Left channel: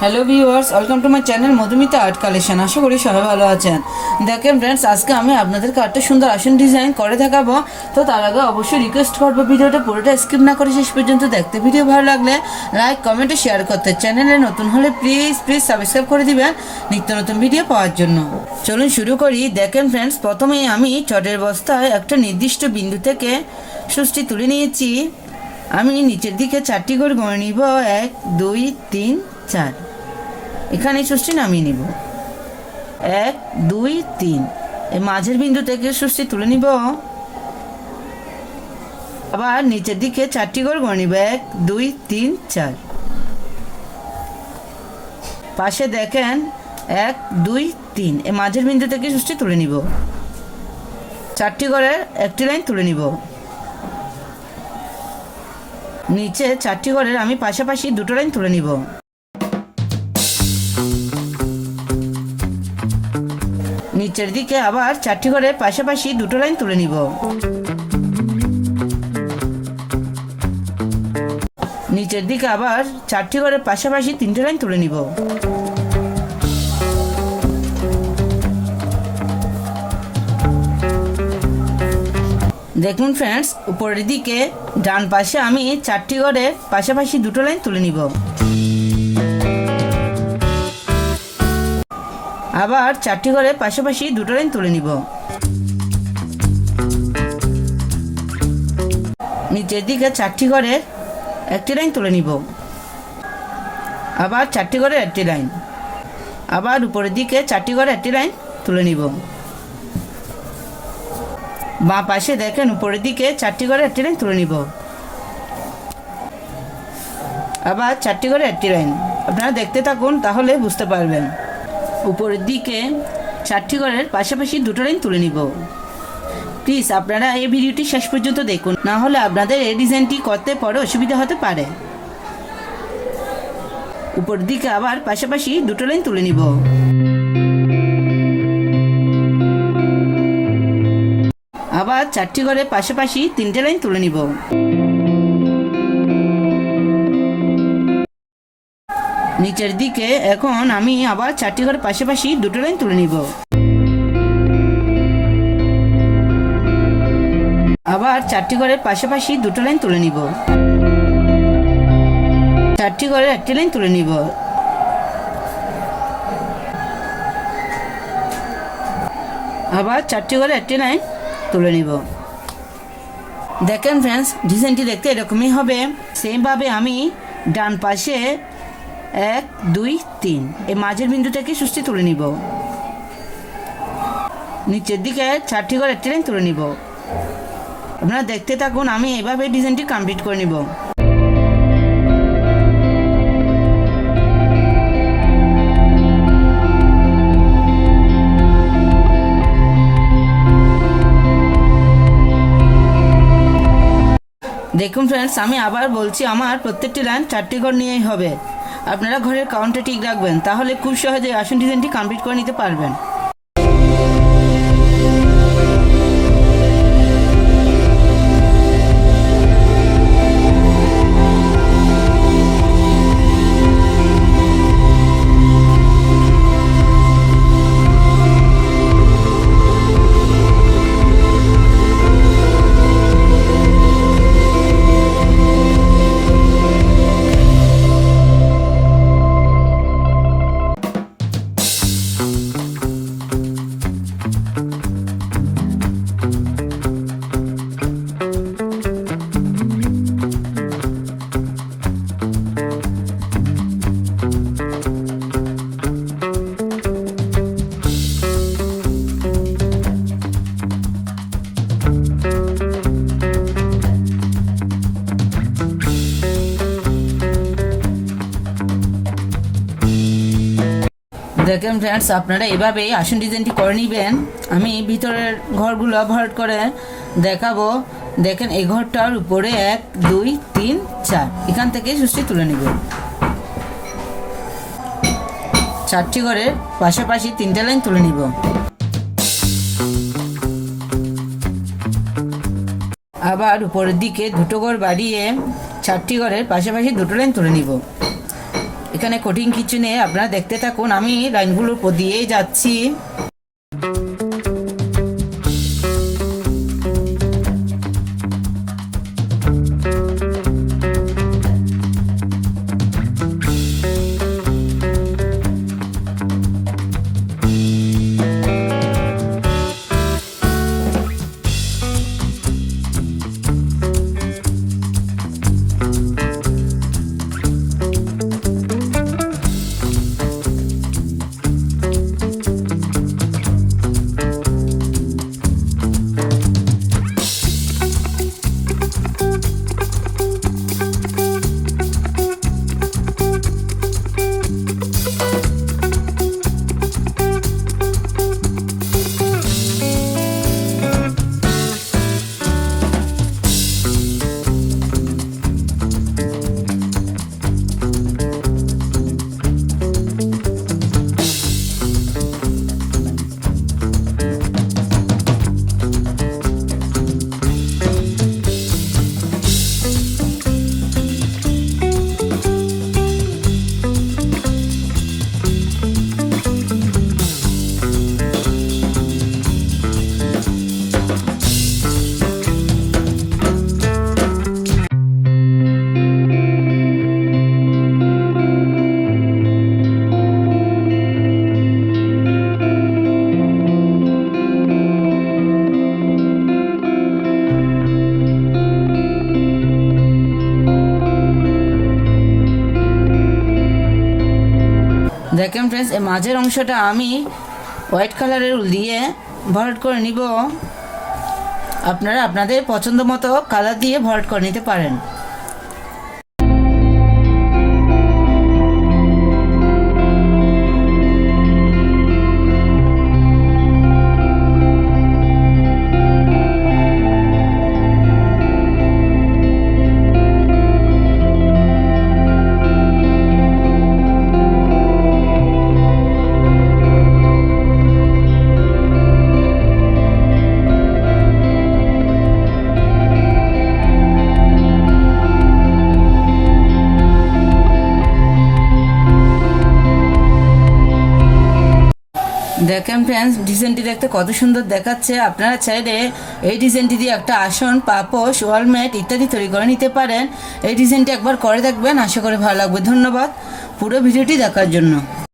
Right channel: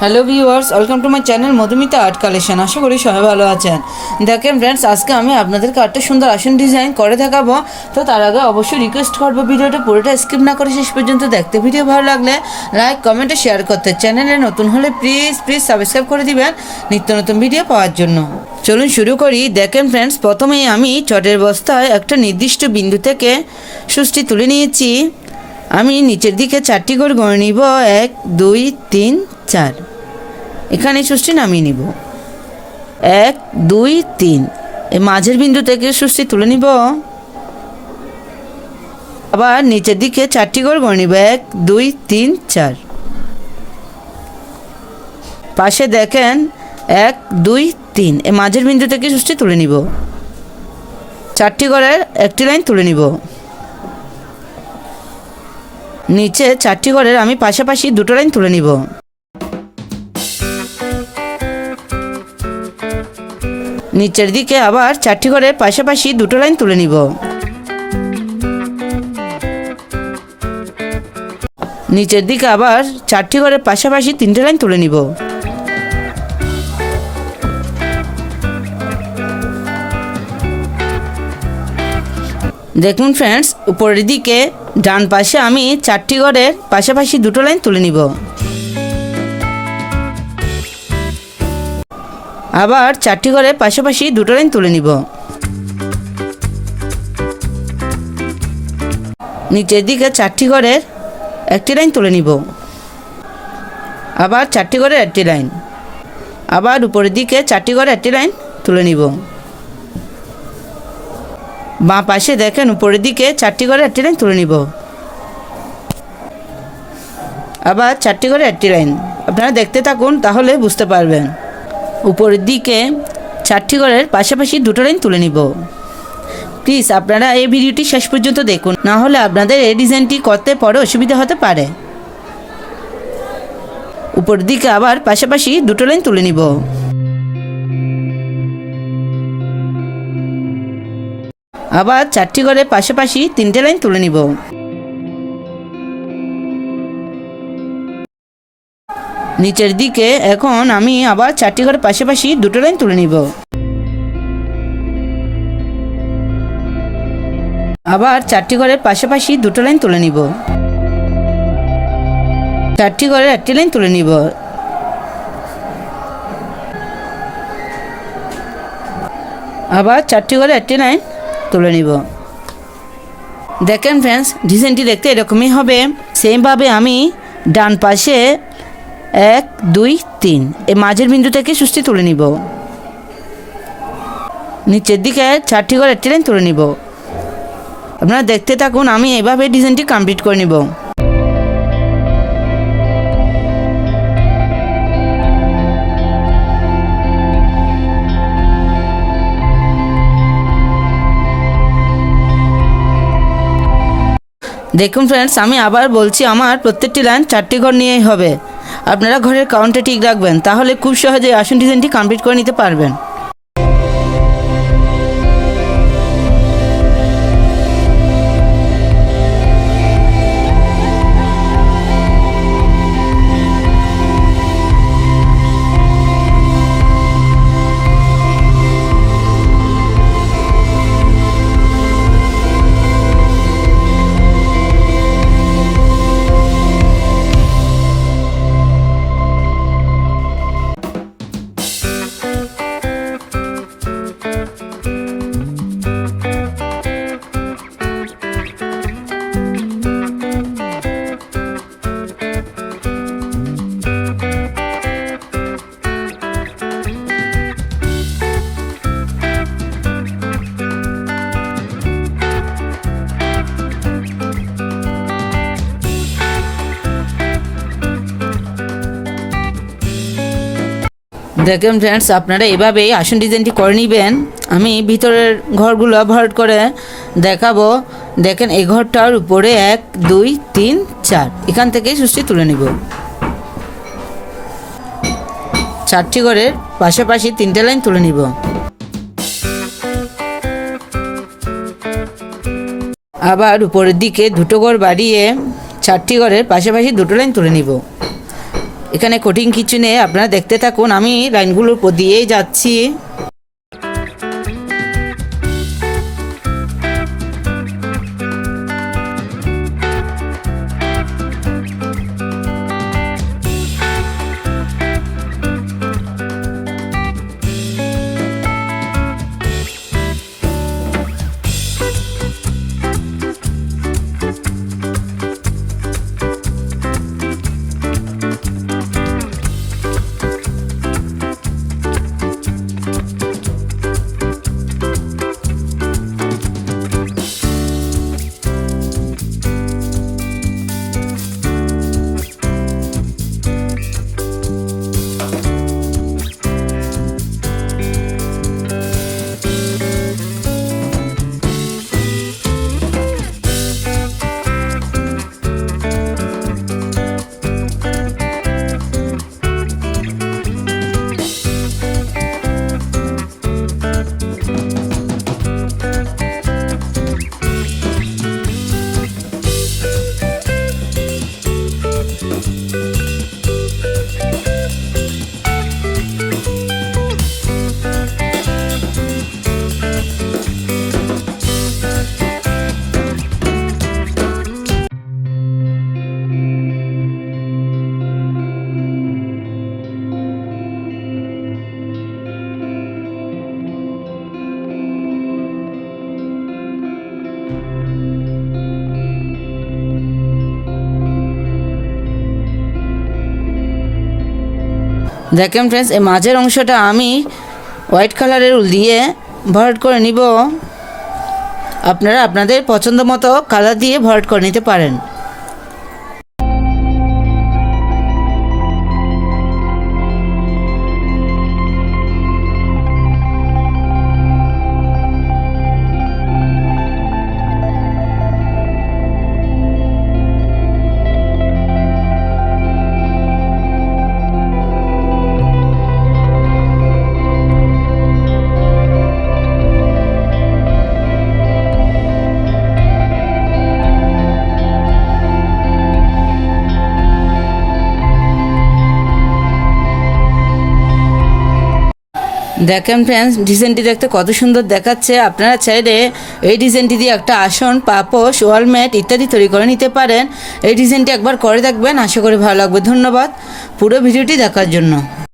Hello viewers, welcome to my channel Madhumita art collection. আশা করি সবাই ভালো আছেন। দেখেন ফ্রেন্ডস, আজকে আমি আপনাদেরকে একটা সুন্দর আসন ডিজাইন করে দেখাবো। তো তার আগে অবশ্যই রিকোয়েস্ট করবো ভিডিওটা পুরোটা স্কিপ না করে শেষ পর্যন্ত দেখতে। ভিডিও ভালো লাগলে লাইক কমেন্টে শেয়ার করতে, চ্যানেলে নতুন হলে প্লিজ সাবস্ক্রাইব করে দিবেন নিত্য নতুন ভিডিও পাওয়ার জন্য। চলুন শুরু করি। দেখেন ফ্রেন্ডস, প্রথমেই আমি চটের বস্তায় একটা নির্দিষ্ট বিন্দু থেকে সুচটি তুলে নিয়েছি। আমি নিচের দিকে 4টি করে গড়ে নিব, 1 2 3 4। এখানে সুচটি নামিয়ে নিব, 1 2 3। এই মাঝের বিন্দু থেকে সুচটি তুলে নিব, আবার নিচের দিকে 4টি করে গড়ে নিব, 1 2 3 4। পাশে দেখেন 1 2 3, এই মাঝের বিন্দু থেকে সুচটি তুলে নিব, 4টি করে একটি লাইন তুলে নিব। নিচে 4টি করে আমি পাশাপাশি দুটো লাইন তুলে নিব। নিচের দিকে আবার 4টি করে পাশাপাশি দুটো লাইন তুলে নিব। নিচের দিকে আবার 4টি করে পাশাপাশি 3টে লাইন তুলে নিব। দেখুন ফ্রেন্ডস, উপরের দিকে ডান পাশে আমি 4টি করে পাশাপাশি দুটো লাইন তুলে নিব। আবার 4টি করে পাশাপাশি দুটো লাইন তুলে নিব। নিচের দিকে 4টি করে একটি লাইন তুলে নিব। আবার 4টি করে একটি লাইন। আবার উপরের দিকে 4টি করে একটি লাইন তুলে নিব। বাঁ পাশে দেখেন উপরের দিকে 4টি করে একটি লাইন তুলে নিব। আবার 4টি করে একটি লাইন। আপনারা দেখতে থাকুন, তাহলে বুঝতে পারবেন। উপরের দিকে 4টি করে পাশাপাশি দুটো লাইন তুলে নিব। প্লিজ আপনারা এই ভিডিওটি শেষ পর্যন্ত দেখুন, না হলে আপনাদের এই ডিজাইনটি করতে পরে অসুবিধা হতে পারে। উপরের দিকে আবার পাশাপাশি দুটো লাইন তুলে নিব। আবার 4টি করে পাশাপাশি 3টে লাইন তুলে নিব। নিচের দিকে এখন আমি আবার 4টি করে পাশাপাশি দুটো লাইন তুলে নিব। আবার 4টি করে পাশাপাশি দুটো লাইন তুলে নিব। 4টি করে একটি লাইন তুলে নিব। আবার 4টি করে একটি লাইন তুলে নিব। দেখেন ফ্রেন্ডস, ডিজাইনটি দেখতে এরকমই হবে। সেমভাবে আমি ডান পাশে 1 2 3, এই মাঝের বিন্দু থেকে সুচটি তুলে নিব। নিচের দিকে 4টি করে একটি লাইন তুলে নিব। আপনারা দেখতে থাকুন, আমি এইভাবে ডিজাইনটি কমপ্লিট করে নিব। দেখুন ফ্রেন্ডস, আমি আবার বলছি, আমার প্রত্যেকটি লাইন 4টি ঘর নিয়েই হবে। আপনারা ঘরের কাউন্টে ঠিক রাখবেন, তাহলে খুব সহজে আসন ডিজাইনটি কমপ্লিট করে নিতে পারবেন। দেখেন ফ্রেন্ডস, আপনারা এভাবেই আসন ডিজাইনটি করে নেবেন। আমি ভিতরের ঘরগুলো ভরাট করে দেখাবো। দেখেন, এই ঘরটার উপরে 1 2 3 4, এখান থেকে সুচটি তুলে নিব। 4টি করে পাশাপাশি 3টে লাইন তুলে নিব। আবার উপরের দিকে দুটো ঘর বাড়িয়ে 4টি ঘরের পাশাপাশি দুটো লাইন তুলে নিব। এখানে কঠিন কিছু নেই, আপনারা দেখতে থাকুন, আমি লাইনগুলোর উপর দিয়েই যাচ্ছি। দেখেন ফ্রেন্ডস, এই মাঝের অংশটা আমি হোয়াইট কালারের উল দিয়ে ভরাট করে নিব। আপনারা আপনাদের পছন্দ মতো কালার দিয়ে ভরাট করে নিতে পারেন। দেখেন ফ্রেন্ডস, ডিজাইনটি দেখতে কত সুন্দর দেখাচ্ছে। আপনারা চাইলে এই ডিজাইনটি দিয়ে একটা আসন, পাপোশ, ওয়ালম্যাট ইত্যাদি তৈরি করে নিতে পারেন। এই ডিজাইনটি একবার করে দেখবেন, আশা করি ভালো লাগবে। ধন্যবাদ পুরো ভিডিওটি দেখার জন্য।